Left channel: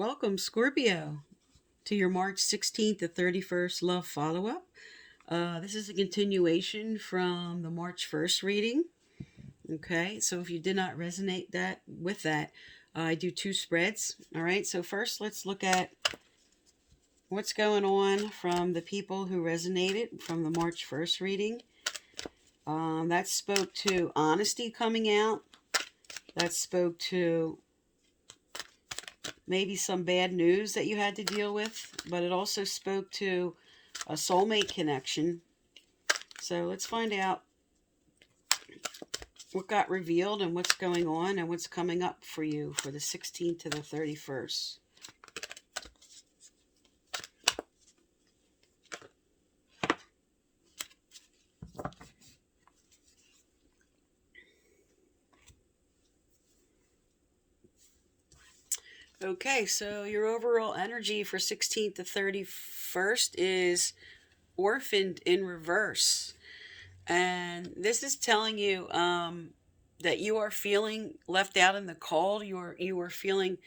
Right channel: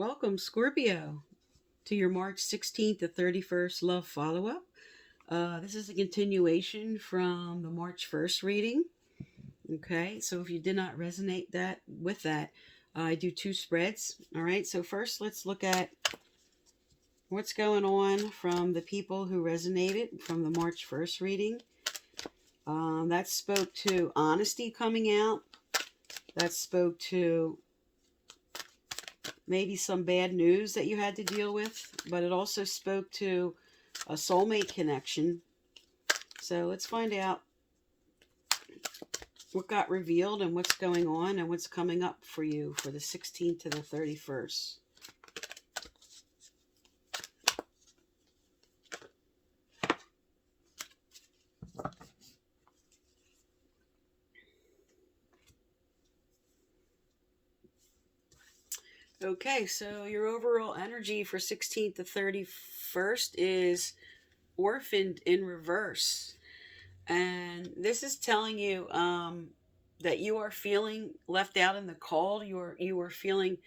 Welcome, Scorpio, to your March 16th to 31st love follow-up. This is a continuation from the March 1st reading. Okay, so if you did not resonate with that, I do two spreads. All right, so first let's look at what's going on from the people who resonated from the March 1st reading. That spoke to honesty coming out. That spoke to maybe some bad news that you had to deal with, but it also spoke to a soulmate connection. So let's find out what got revealed and what's going on and what's coming up for you for the 16th to the 31st. Okay, so your overall energy for 16th to 31st is Orphaned in reverse. And this is telling you that you are feeling left out in the cold. You are feeling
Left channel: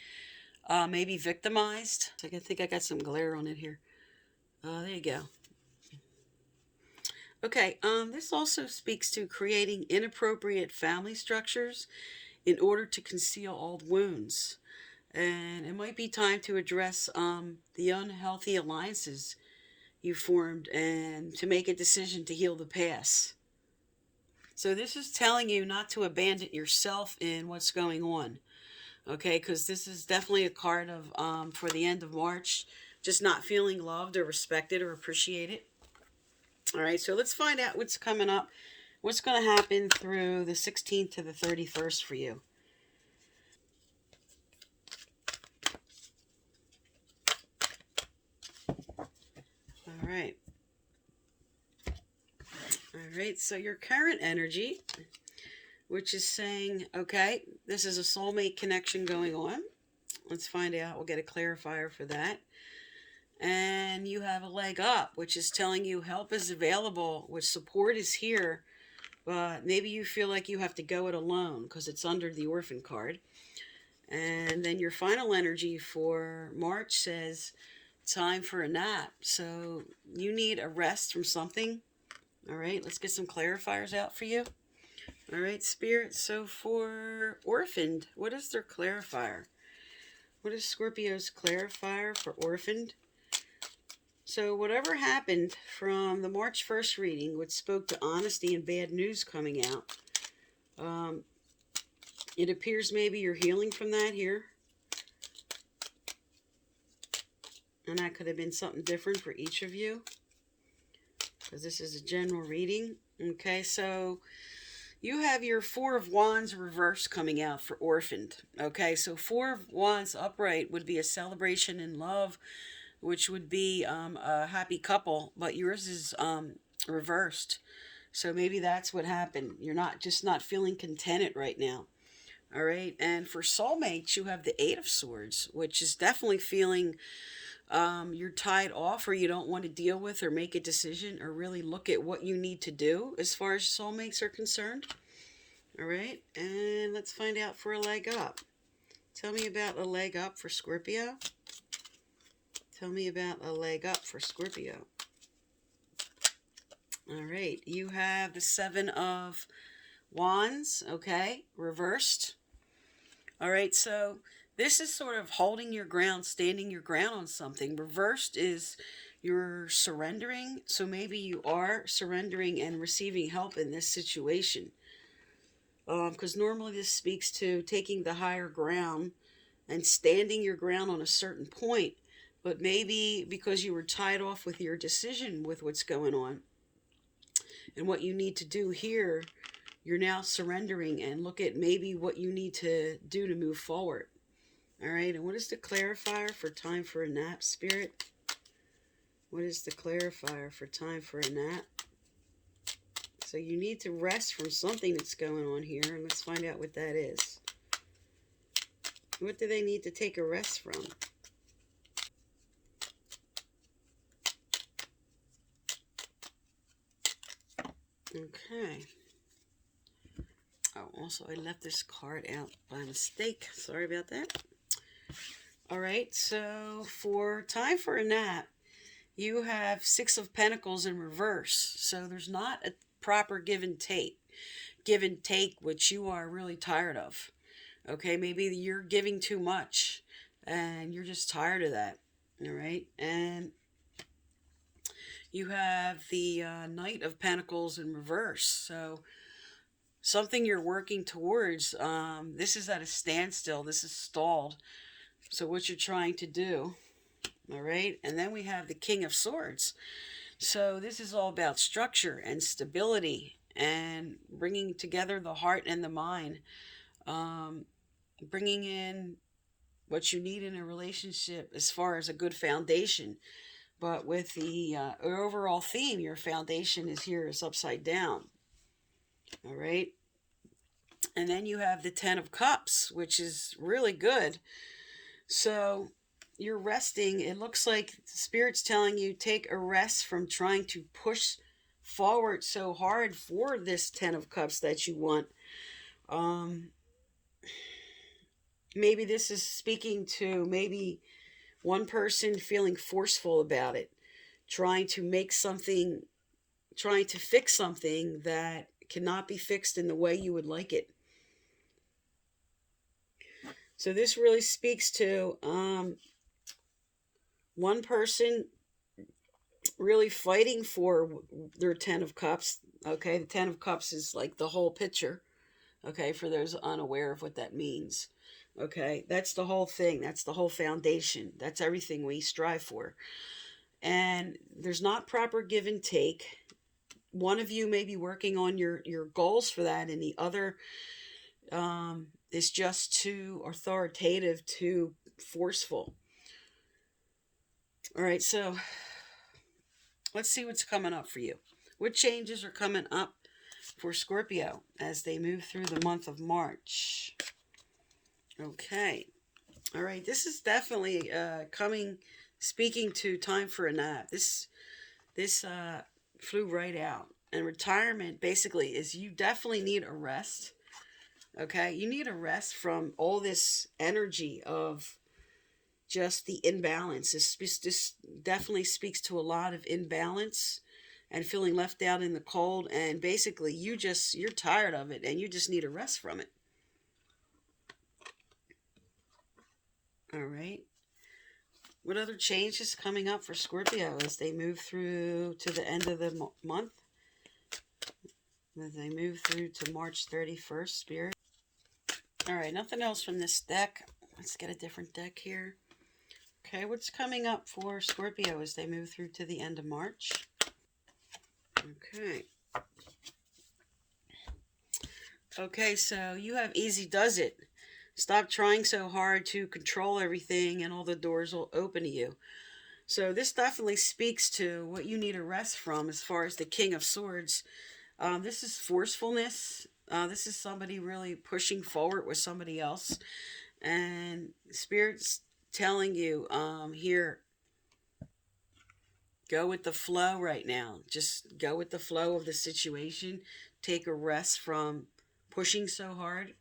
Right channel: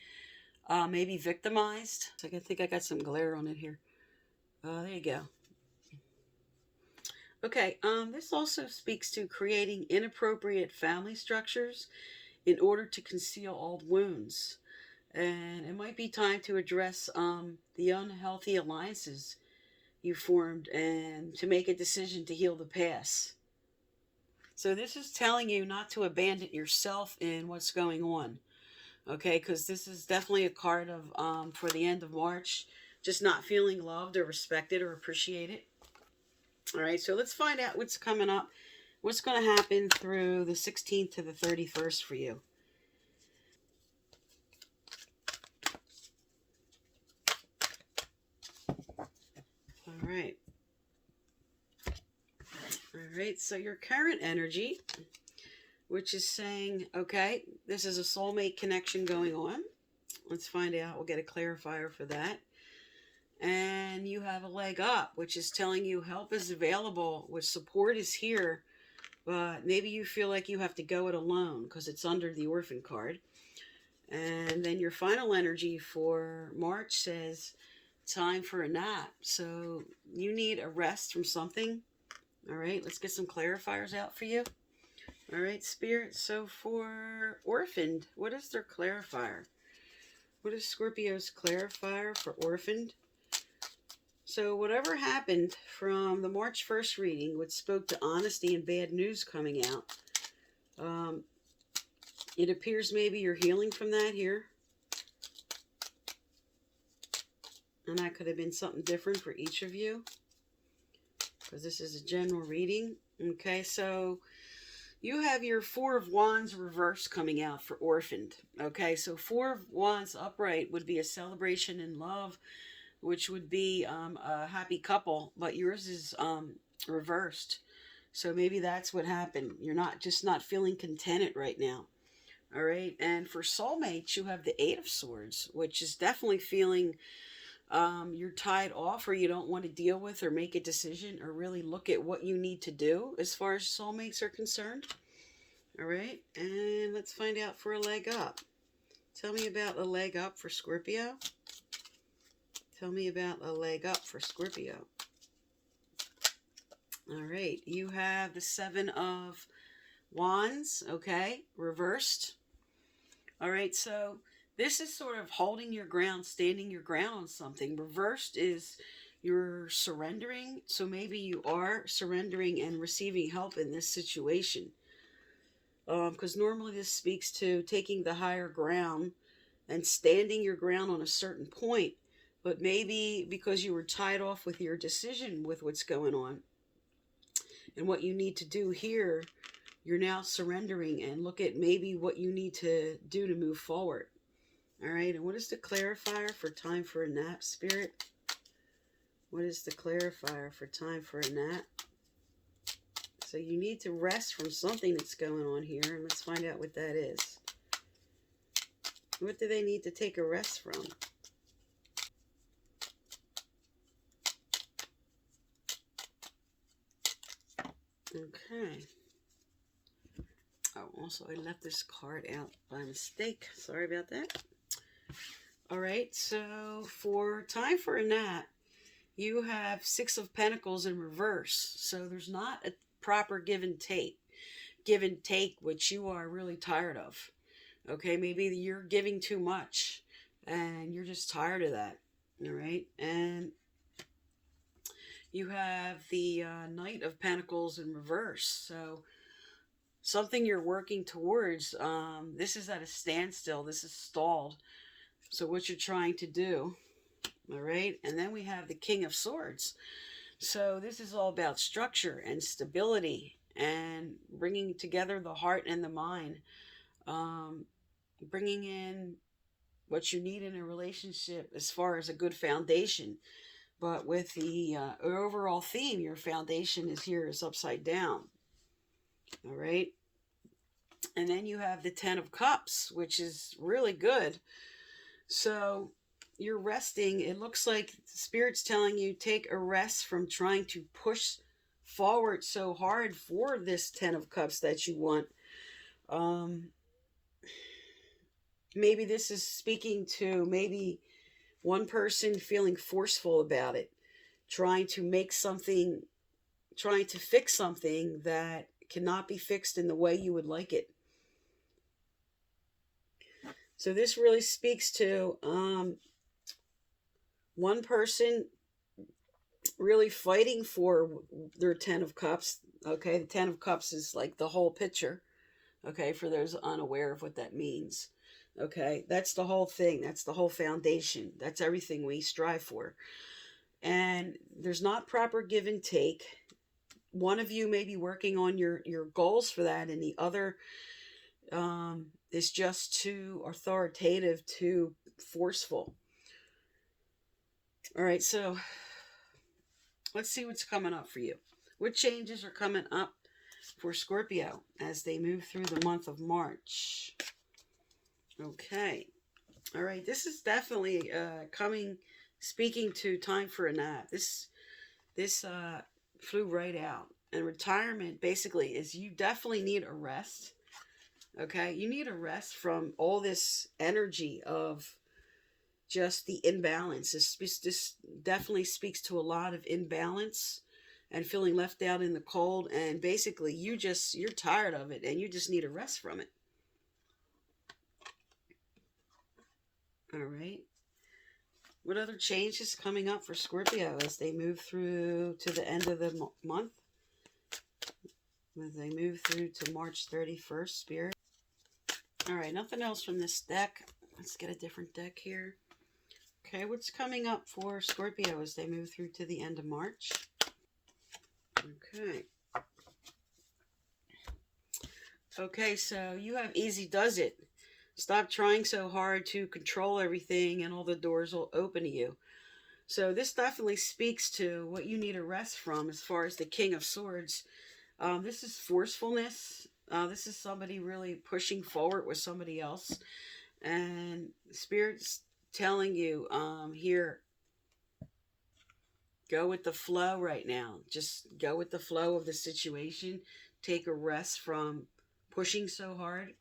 maybe victimized. So I think I got some glare on it here. There you go. Okay, this also speaks to creating inappropriate family structures in order to conceal old wounds. And it might be time to address the unhealthy alliances you formed and to make a decision to heal the past. So this is telling you not to abandon yourself in what's going on. Okay, because this is definitely a card of for the end of March, just not feeling loved or respected or appreciated. All right, so let's find out what's coming up. What's going to happen through the 16th to the 31st for you. All right. All right, so your current energy, which is saying, okay, this is a soulmate connection going on. Let's find out. We'll get a clarifier for that. And you have a leg up, which is telling you help is available, which support is here, but maybe you feel like you have to go it alone because it's under the orphan card. And then your final energy for March says time for a nap. So you need a rest from something. All right, let's get some clarifiers out for you. All right, Spirit. So for Orphaned, what is their clarifier? What is Scorpio's clarifier for Orphaned? So whatever happened from the March 1st reading, which spoke to honesty and bad news coming out, it appears maybe you're healing from that here. And that could have been something different for each of you, because this is a general reading. Okay, so you have your Four of Wands reverse coming out for Orphaned. Okay, so Four of Wands upright would be a celebration in love, which would be a happy couple, but yours is reversed. So maybe that's what happened. You're not feeling contented right now. All right, and for soulmates, you have the Eight of Swords, which is definitely feeling you're tied off, or you don't want to deal with or make a decision or really look at what you need to do as far as soulmates are concerned. All right, and let's find out for a leg up. Tell me about a leg up for Scorpio. Tell me about a leg up for Scorpio. All right, you have the Seven of Wands, okay, reversed. All right, so this is sort of holding your ground, standing your ground on something. Reversed is you're surrendering, so maybe you are surrendering and receiving help in this situation. Because normally this speaks to taking the higher ground and standing your ground on a certain point. But maybe because you were tied off with your decision with what's going on and what you need to do here, you're now surrendering and look at maybe what you need to do to move forward. All right, and what is the clarifier for time for a nap, Spirit? What is the clarifier for time for a nap? So you need to rest from something that's going on here, and let's find out what that is. What do they need to take a rest from? Okay. Oh, also I left this card out by mistake. Sorry about that. All right, so for time for a nap, you have Six of Pentacles in reverse. So there's not a proper give and take, which you are really tired of. Okay, maybe you're giving too much and you're just tired of that. All right, and you have the Knight of Pentacles in reverse. So something you're working towards, this is at a standstill, this is stalled. So what you're trying to do, all right, and then we have the King of Swords. So this is all about structure and stability and bringing together the heart and the mind, um, bringing in what you need in a relationship as far as a good foundation. But with the overall theme, your foundation is here is upside down. All right. And then you have the Ten of Cups, which is really good. So you're resting. It looks like Spirit's telling you take a rest from trying to push forward so hard for this Ten of Cups that you want. Maybe this is speaking to maybe one person feeling forceful about it, trying to make something, trying to fix something that cannot be fixed in the way you would like it. So this really speaks to one person really fighting for their Ten of Cups. Okay, the Ten of Cups is like the whole picture. Okay, for those unaware of what that means. Okay, that's the whole thing. That's the whole foundation. That's everything we strive for. And there's not proper give and take. One of you may be working on your goals for that, and the other is just too authoritative, too forceful. All right, so let's see what's coming up for you. What changes are coming up for Scorpio as they move through the month of March? Okay. All right, this is definitely speaking to time for a nap. This flew right out. And retirement basically is you definitely need a rest. Okay, you need a rest from all this energy of just the imbalance. This definitely speaks to a lot of imbalance and feeling left out in the cold. And basically, you're tired of it and you just need a rest from it. All right. What other changes coming up for Scorpio as they move through to the end of the month? As they move through to March 31st, Spirit. All right, nothing else from this deck. Let's get a different deck here. Okay, what's coming up for Scorpio as they move through to the end of March? Okay. Okay, so you have easy does it. Stop trying so hard to control everything and all the doors will open to you. So this definitely speaks to what you need a rest from as far as the King of Swords. This is forcefulness. This is somebody really pushing forward with somebody else. And Spirit's telling you here, go with the flow right now. Just go with the flow of the situation. Take a rest from pushing so hard.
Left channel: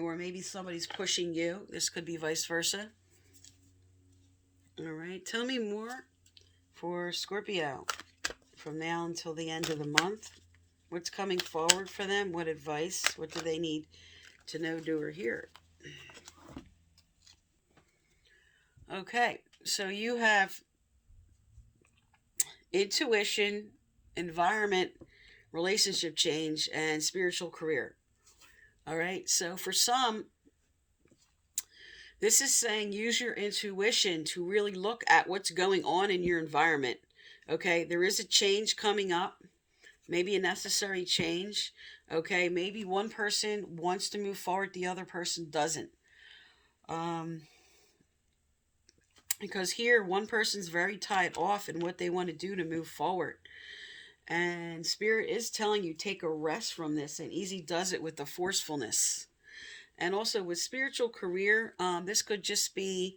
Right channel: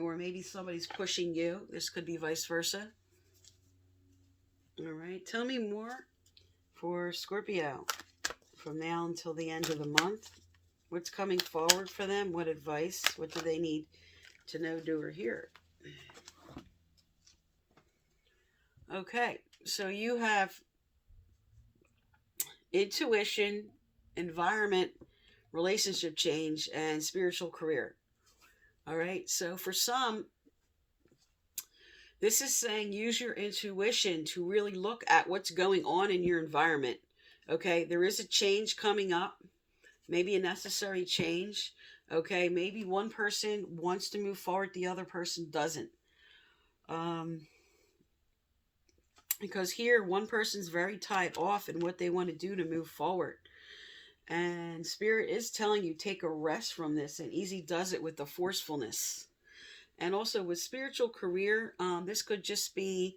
Or maybe somebody's pushing you. This could be vice versa. All right. Tell me more for Scorpio from now until the end of the month. What's coming forward for them? What advice? What do they need to know, do, or hear? Okay. So you have intuition, environment, relationship change, and spiritual career. All right. So for some, this is saying use your intuition to really look at what's going on in your environment. Okay. There is a change coming up, maybe a necessary change. Okay. Maybe one person wants to move forward, the other person doesn't. Because here, one person's very tied off in what they want to do to move forward. And Spirit is telling you take a rest from this, and easy does it with the forcefulness. And also with spiritual career, this could just be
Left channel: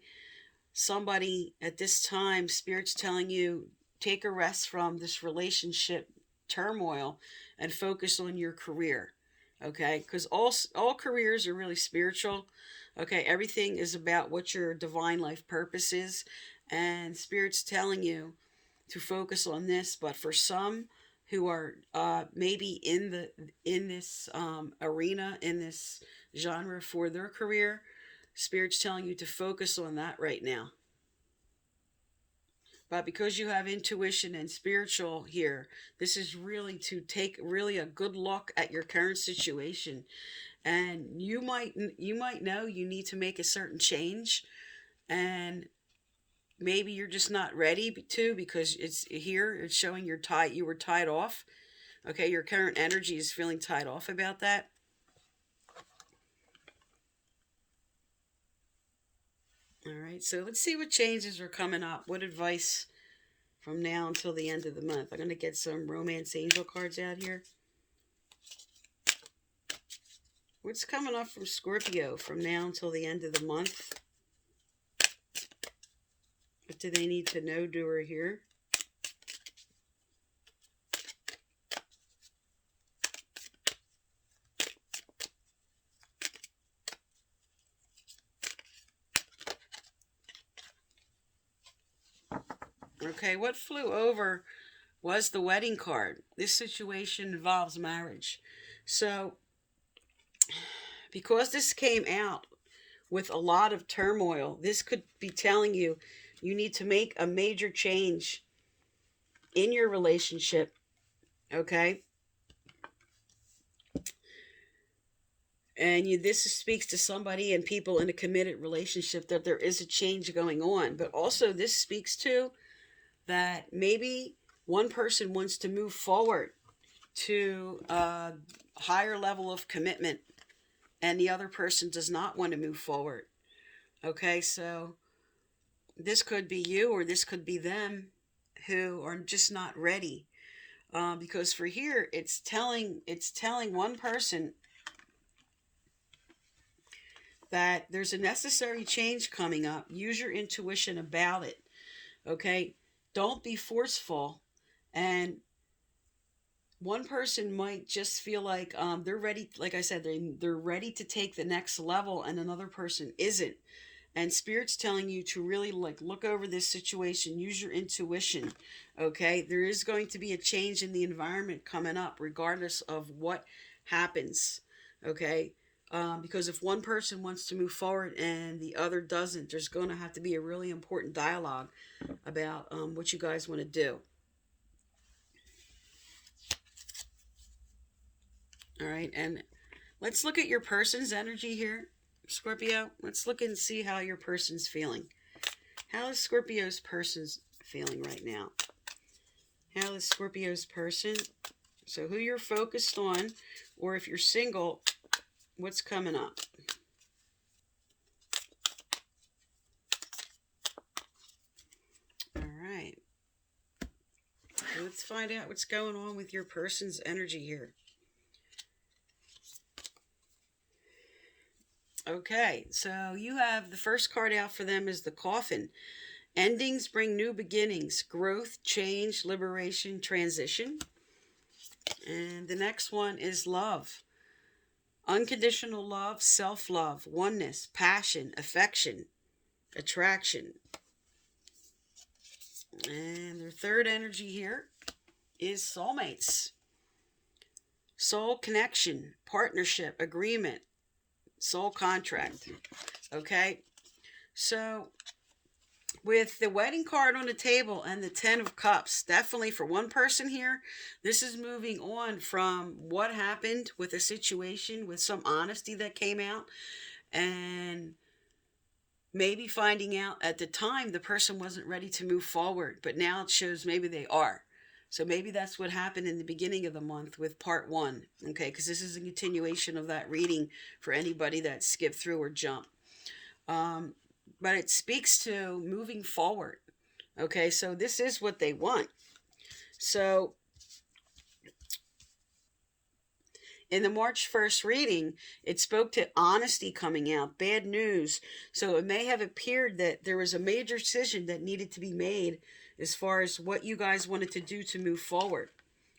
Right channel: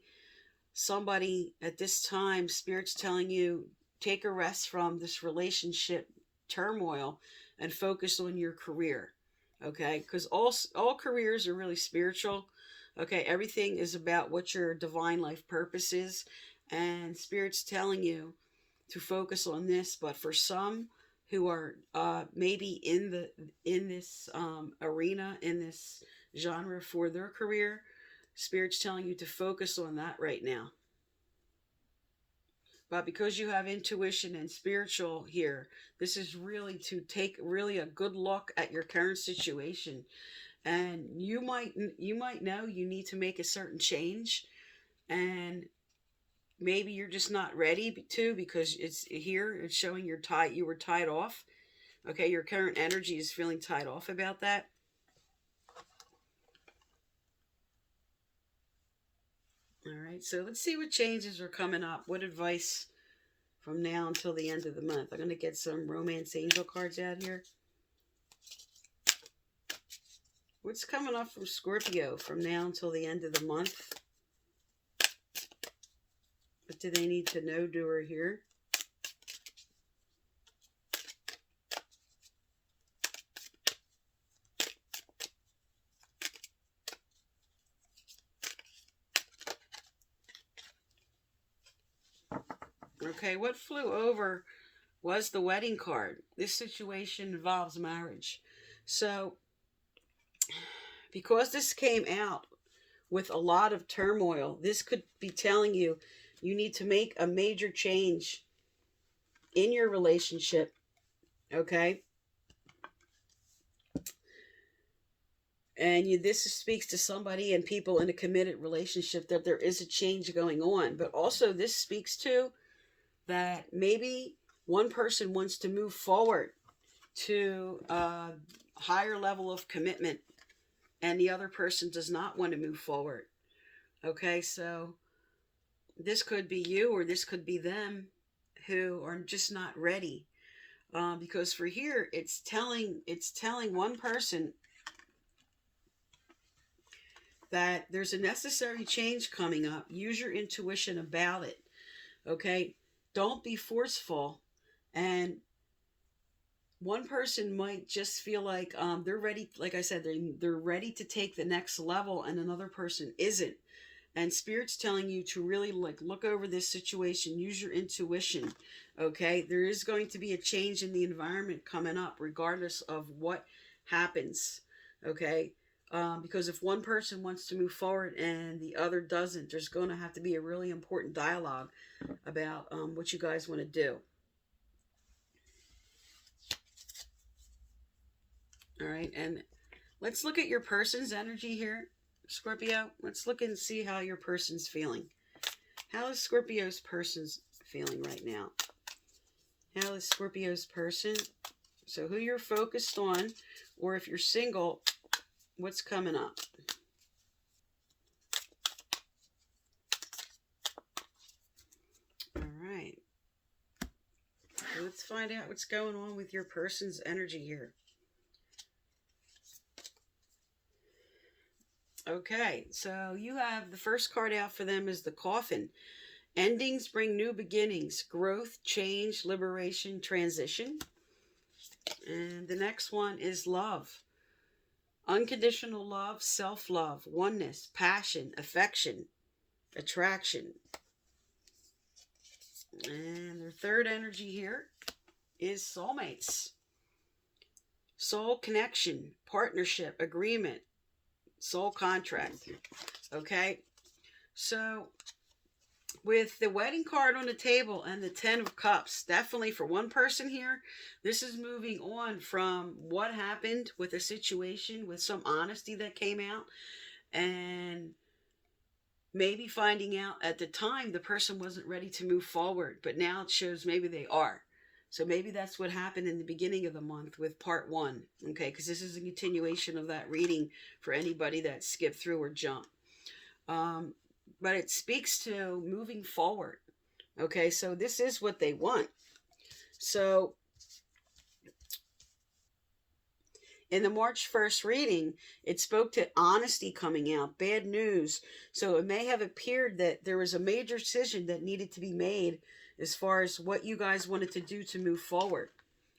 somebody at this time. Spirit's telling you take a rest from this relationship turmoil and focus on your career. Okay, because all careers are really spiritual. Okay, everything is about what your divine life purpose is, and Spirit's telling you to focus on this. But for some who are maybe in this arena, in this genre for their career, Spirit's telling you to focus on that right now. But because you have intuition and spiritual here, this is really to take really a good look at your current situation, and you might know you need to make a certain change, and maybe you're just not ready to, because it's here, it's showing you were tied off. Okay, your current energy is feeling tied off about that. All right, so let's see what changes are coming up. What advice from now until the end of the month? I'm going to get some romance angel cards out here. What's coming up from Scorpio from now until the end of the month? What do they need to know, doer here? Okay, what flew over was the wedding card. This situation involves marriage. So, because this came out with a lot of turmoil, this could be telling you you need to make a major change in your relationship, okay? And this speaks to somebody and people in a committed relationship that there is a change going on. But also this speaks to that maybe one person wants to move forward to a higher level of commitment, and the other person does not want to move forward. Okay, so this could be you or this could be them who are just not ready. Because for here, it's telling one person that there's a necessary change coming up. Use your intuition about it. Okay, don't be forceful. And one person might just feel like they're ready. Like I said, they're ready to take the next level, and another person isn't. And Spirit's telling you to really look over this situation. Use your intuition. Okay, there is going to be a change in the environment coming up, regardless of what happens. Okay, because if one person wants to move forward and the other doesn't, there's going to have to be a really important dialogue about what you guys want to do. All right, and let's look at your person's energy here, Scorpio. Let's look and see how your person's feeling. How is Scorpio's person's feeling right now? How is Scorpio's person? So who you're focused on, or if you're single, what's coming up? All right. So let's find out what's going on with your person's energy here. Okay, so you have the first card out for them is the Coffin. Endings bring new beginnings, growth, change, liberation, transition. And the next one is love. Unconditional love, self-love, oneness, passion, affection, attraction. And their third energy here is soulmates. Soul connection, partnership, agreement, soul contract. Okay, so with the wedding card on the table and the 10 of cups, definitely for one person here, this is moving on from what happened with a situation, with some honesty that came out, and maybe finding out at the time the person wasn't ready to move forward, but now it shows maybe they are. So maybe that's what happened in the beginning of the month with part one, okay? Because this is a continuation of that reading for anybody that skipped through or jumped. But it speaks to moving forward, okay? So this is what they want. So in the March 1st reading, it spoke to honesty coming out, bad news. So it may have appeared that there was a major decision that needed to be made as far as what you guys wanted to do to move forward.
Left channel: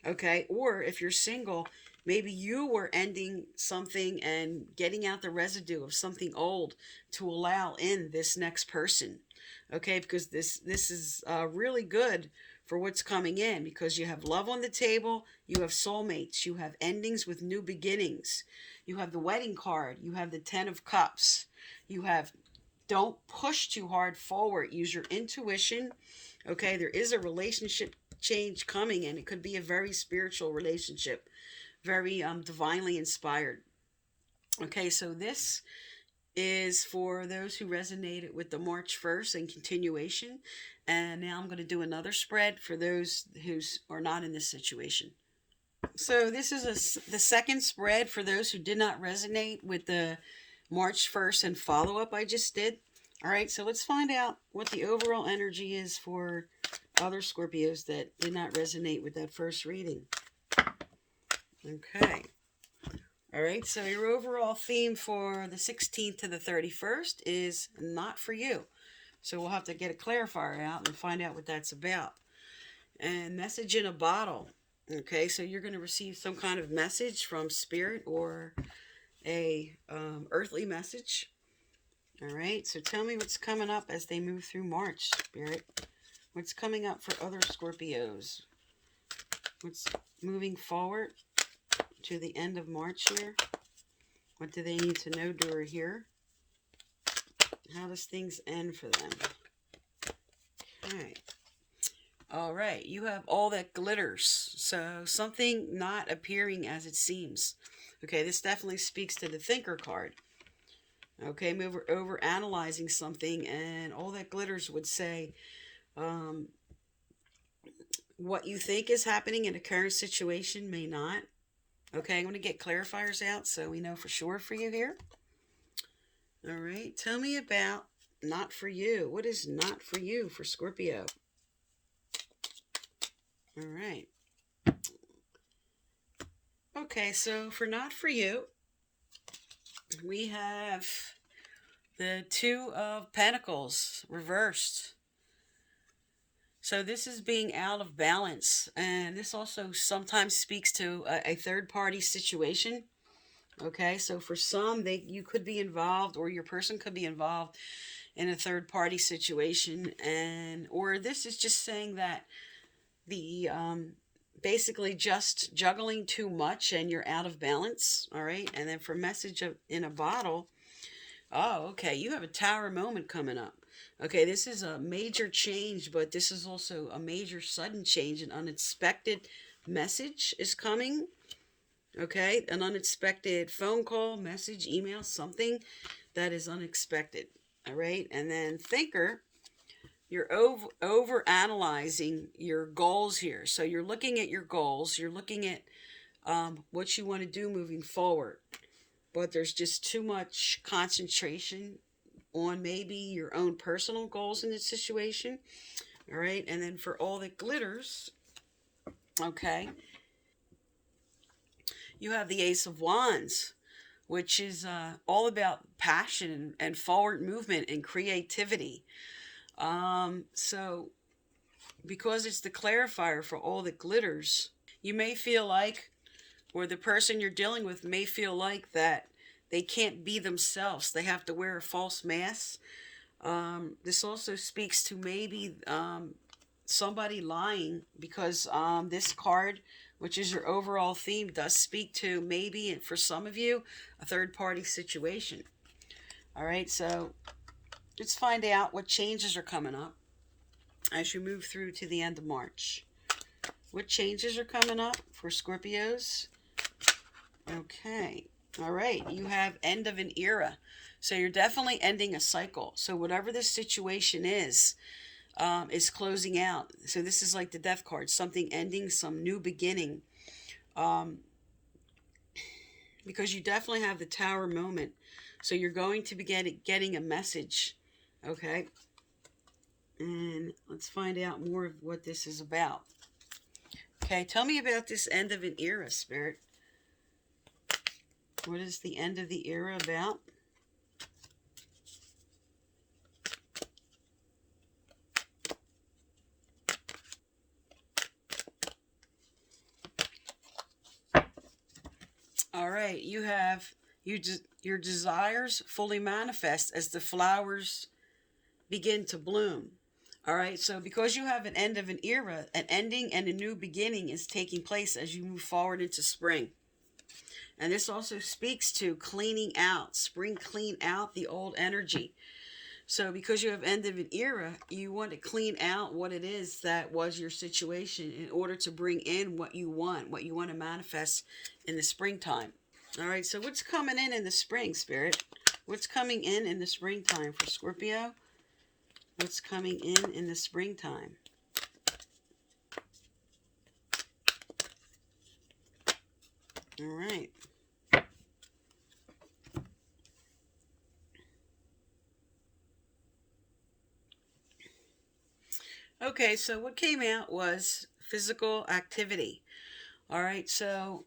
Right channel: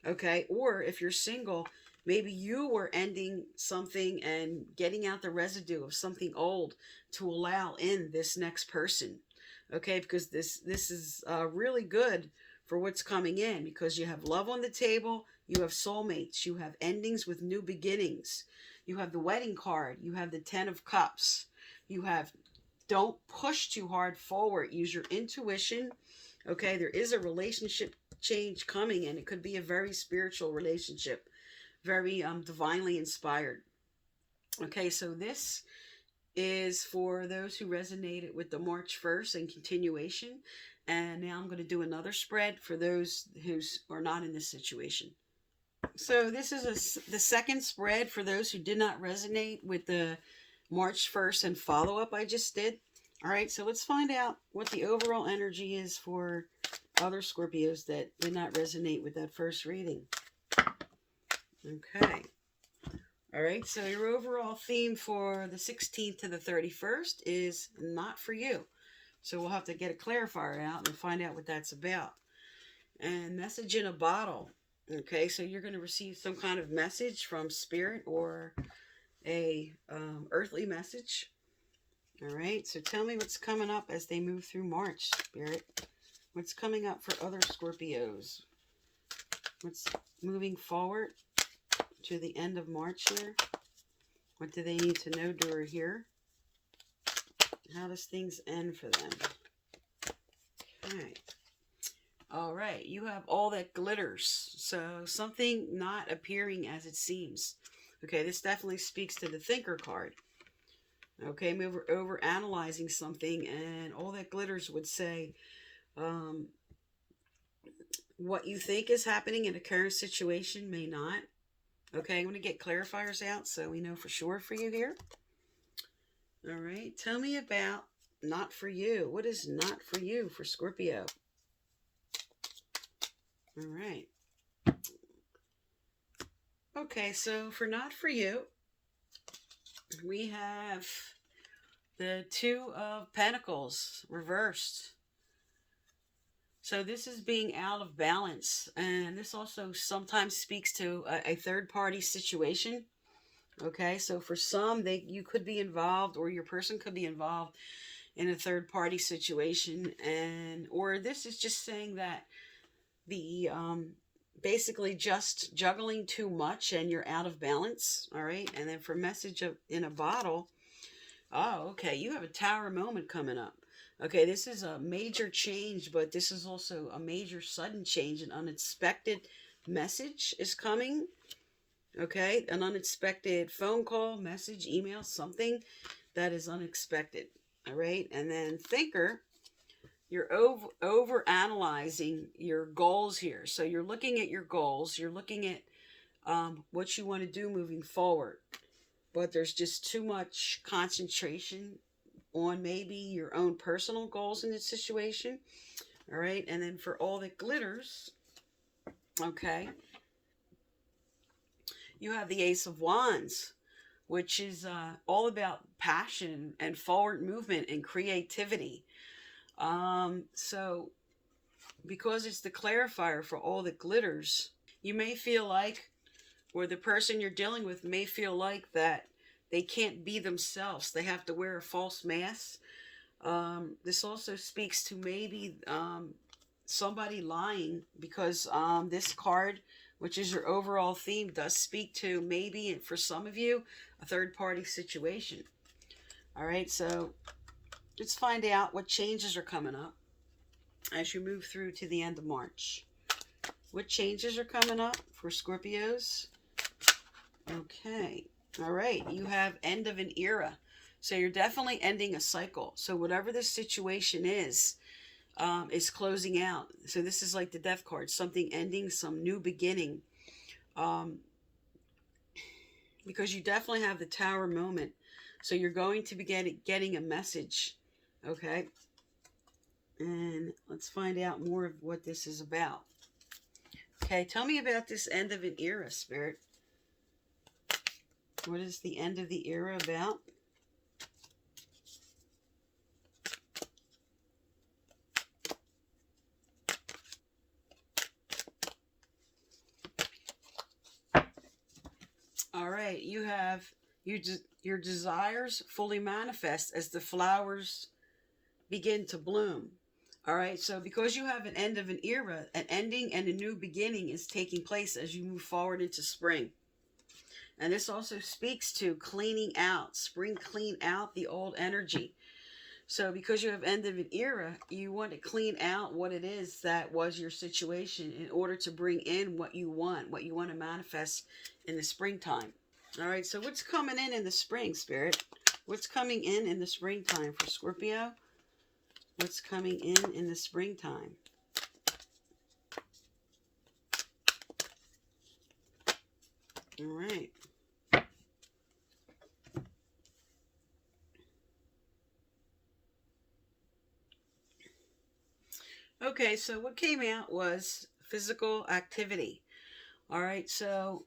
Okay, or if you're single, Maybe you were ending something and getting out the residue of something old to allow in this next person. Okay, because this is really good for what's coming in, because you have love on the table, you have soulmates, you have endings with new beginnings, you have the wedding card, you have the 10 of cups, you have don't push too hard forward, use your intuition. Okay, there is a relationship change coming, and it could be a very spiritual relationship, very divinely inspired. Okay, so this is for those who resonated with the March 1st and continuation. And now I'm going to do another spread for those who are not in this situation. So this is the second spread for those who did not resonate with the March 1st and follow-up I just did. All right, so let's find out what the overall energy is for other Scorpios that did not resonate with that first reading. Okay. All right, so your overall theme for the 16th to the 31st is not for you. So we'll have to get a clarifier out and find out what that's about. And message in a bottle. Okay, so you're going to receive some kind of message from spirit or a earthly message. All right, so tell me what's coming up as they move through March, Spirit. What's coming up for other Scorpios? What's moving forward to the end of March here? What do they need to know, do, or hear? How does things end for them? Okay. All right, you have all that glitters. So something not appearing as it seems. Okay, this definitely speaks to the thinker card. Okay, over analyzing something, and all that glitters would say what you think is happening in a current situation may not. Okay, I'm going to get clarifiers out so we know for sure for you here. All right, tell me about not for you. What is not for you for Scorpio? All right. Okay, so for not for you, we have the Two of Pentacles reversed. So this is being out of balance, and this also sometimes speaks to a third-party situation. Okay, so for some, you could be involved, or your person could be involved in a third-party situation, and or this is just saying that the basically just juggling too much and you're out of balance. All right, and then for message in a bottle, oh, okay, you have a tower moment coming up. Okay, this is a major change, but this is also a major sudden change. An unexpected message is coming. Okay, an unexpected phone call, message, email, something that is unexpected. All right, and then thinker, you're over analyzing your goals here. So you're looking at your goals, you're looking at what you want to do moving forward, but there's just too much concentration on maybe your own personal goals in this situation. All right, and then for all that glitters, okay, you have the Ace of Wands, which is all about passion and forward movement and creativity. So because it's the clarifier for all that glitters, you may feel like, or the person you're dealing with may feel like that they can't be themselves. They have to wear a false mask. This also speaks to maybe somebody lying, because this card, which is your overall theme, does speak to maybe, for some of you, a third-party situation. All right, so let's find out what changes are coming up as you move through to the end of March. What changes are coming up for Scorpios? Okay. All right. You have end of an era. So you're definitely ending a cycle. So whatever this situation is closing out. So this is like the death card. Something ending, some new beginning. Because you definitely have the tower moment. So you're going to be getting a message. Okay. And let's find out more of what this is about. Okay, tell me about this end of an era, Spirit. What is the end of the era about? right, you have your desires fully manifest as the flowers begin to bloom. All right, so because you have an end of an era, an ending and a new beginning is taking place as you move forward into spring. And this also speaks to cleaning out, spring clean out the old energy. So because you have end of an era, you want to clean out what it is that was your situation in order to bring in what you want to manifest in the springtime. All right, so what's coming in the spring, Spirit? What's coming in the springtime for Scorpio? What's coming in the springtime? All right. Okay, so what came out was physical activity. All right, so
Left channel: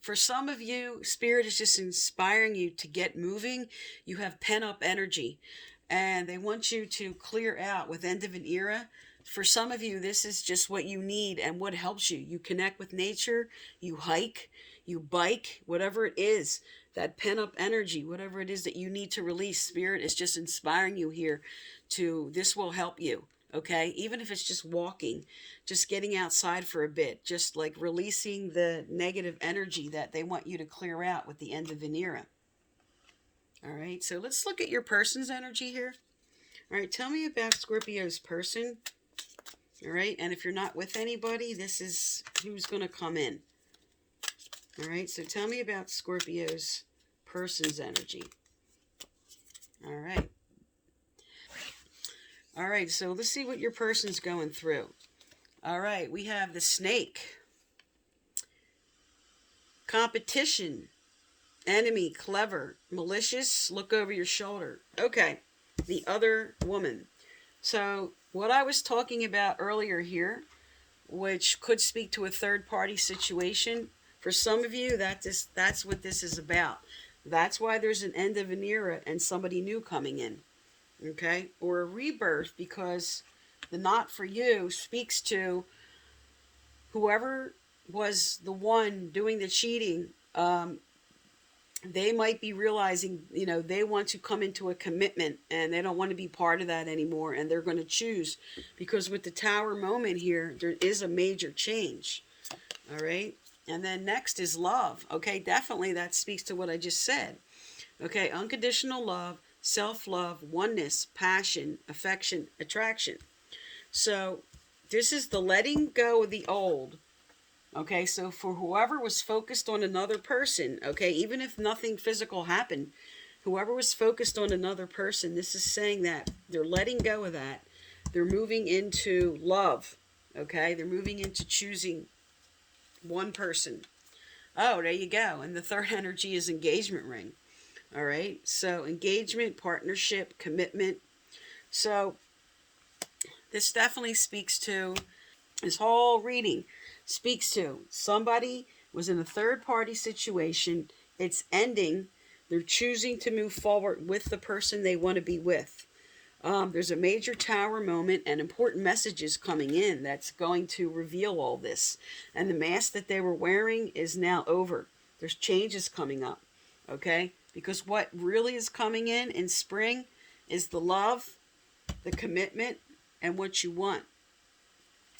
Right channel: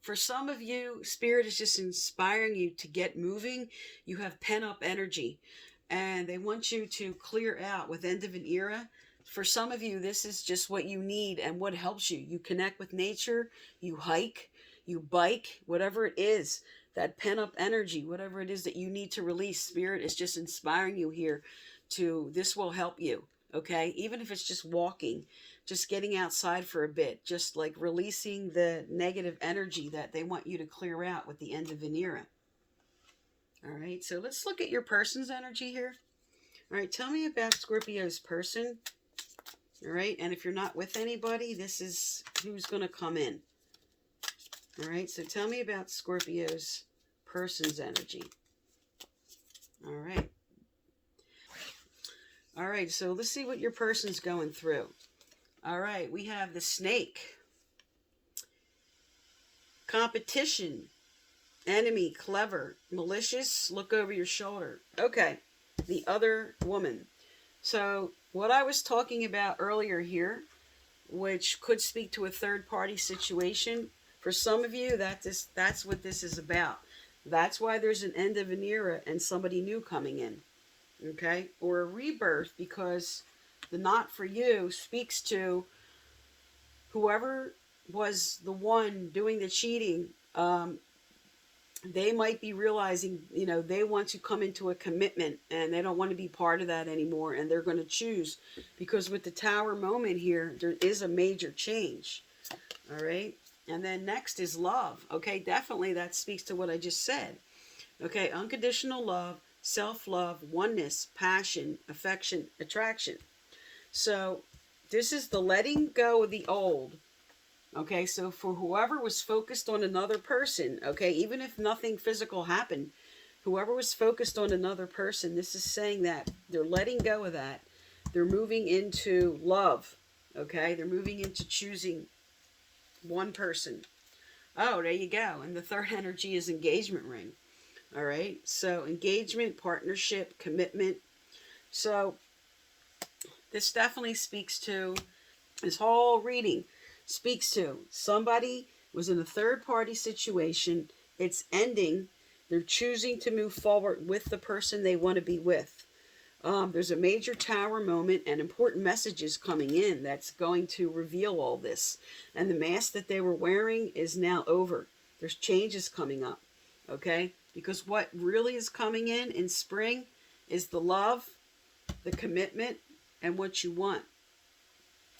for some of you, Spirit is just inspiring you to get moving. You have pent up energy, and they want you to clear out with end of an era. For some of you, this is just what you need and what helps you. You connect with nature, you hike, you bike, whatever it is, that pent up energy, whatever it is that you need to release. Spirit is just inspiring you here to, this will help you. Okay, even if it's just walking, just getting outside for a bit, just like releasing the negative energy that they want you to clear out with the end of an era. All right, so let's look at your person's energy here. All right, tell me about Scorpio's person. All right, and if you're not with anybody, this is who's going to come in. All right, so tell me about Scorpio's person's energy. All right. All right, so let's see what your person's going through. All right, we have the snake. Competition. Enemy, clever, malicious, look over your shoulder. Okay, the other woman. So what I was talking about earlier here, which could speak to a third-party situation, for some of you, that's what this is about. That's why there's an end of an era and somebody new coming in. Okay, or a rebirth, because the not for you speaks to whoever was the one doing the cheating. They might be realizing, they want to come into a commitment and they don't want to be part of that anymore, and they're going to choose, because with the Tower moment here, there is a major change. All right, and then next is love. Okay, definitely that speaks to what I just said. Okay, unconditional love, self-love, oneness, passion, affection, attraction. So this is the letting go of the old. Okay, so for whoever was focused on another person, okay, even if nothing physical happened, whoever was focused on another person, this is saying that they're letting go of that. They're moving into love. Okay, they're moving into choosing one person. Oh, there you go. And the third energy is engagement ring. All right, so engagement, partnership, commitment. So this definitely speaks to, this whole reading speaks to somebody was in a third-party situation. It's ending. They're choosing to move forward with the person they want to be with. There's a major Tower moment and important messages coming in that's going to reveal all this. And the mask that they were wearing is now over. There's changes coming up. Okay? Because what really is coming in spring is the love, the commitment, and what you want.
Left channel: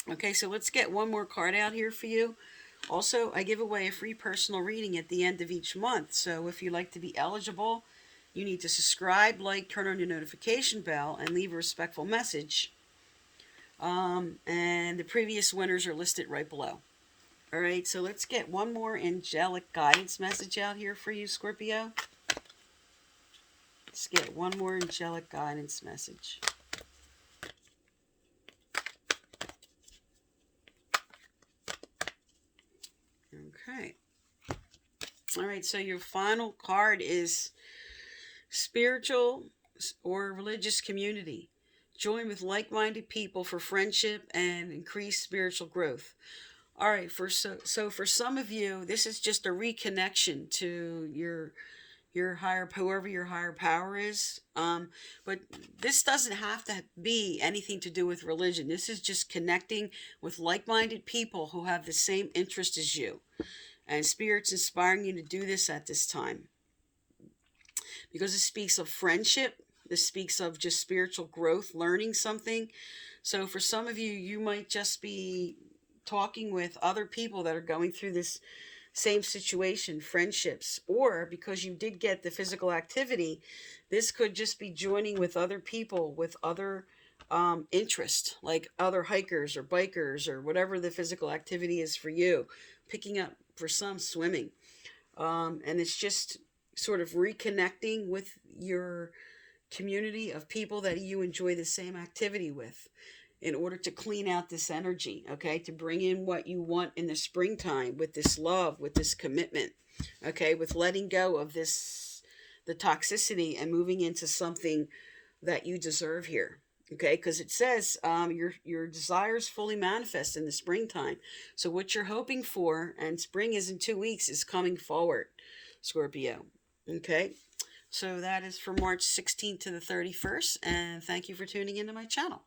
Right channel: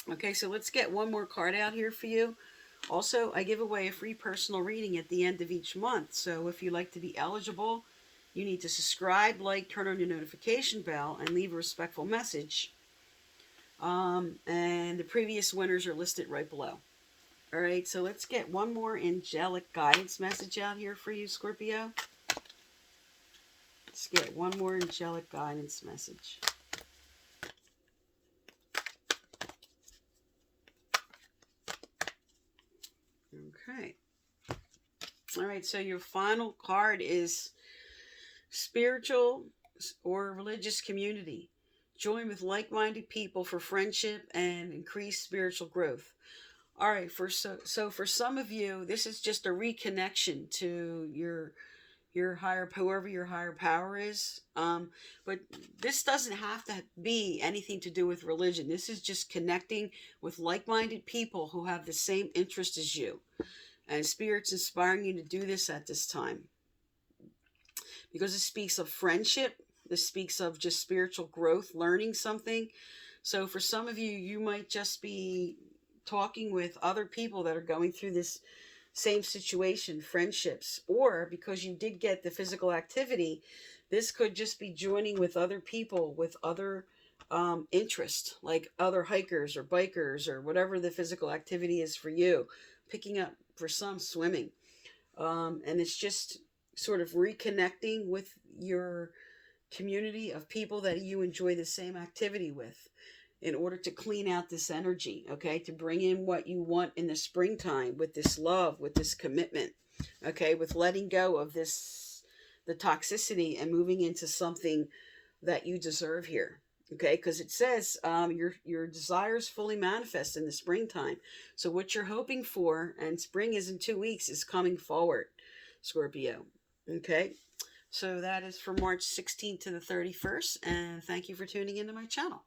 Okay, so let's get one more card out here for you. Also, I give away a free personal reading at the end of each month. So if you'd like to be eligible, you need to subscribe, like, turn on your notification bell, and leave a respectful message. And the previous winners are listed right below. All right, so let's get one more angelic guidance message out here for you, Scorpio. Let's get one more angelic guidance message. Okay. All right, so your final card is spiritual or religious community. Join with like-minded people for friendship and increased spiritual growth. All right, so for some of you, this is just a reconnection to your higher, whoever your higher power is. But this doesn't have to be anything to do with religion. This is just connecting with like-minded people who have the same interest as you. And Spirit's inspiring you to do this at this time. Because it speaks of friendship. This speaks of just spiritual growth, learning something. So for some of you, you might just be talking with other people that are going through this same situation, friendships. Or because you did get the physical activity, this could just be joining with other people with other interest, like other hikers or bikers or whatever the physical activity is for you. Picking up, for some, swimming. And it's just sort of reconnecting with your community of people that you enjoy the same activity with in order to clean out this energy, okay? To bring in what you want in the springtime with this love, with this commitment, okay? With letting go of this, the toxicity, and moving into something that you deserve here, okay? Because it says your desires fully manifest in the springtime. So what you're hoping for, and spring is in 2 weeks, is coming forward, Scorpio, okay? So that is for March 16th to the 31st, and thank you for tuning into my channel.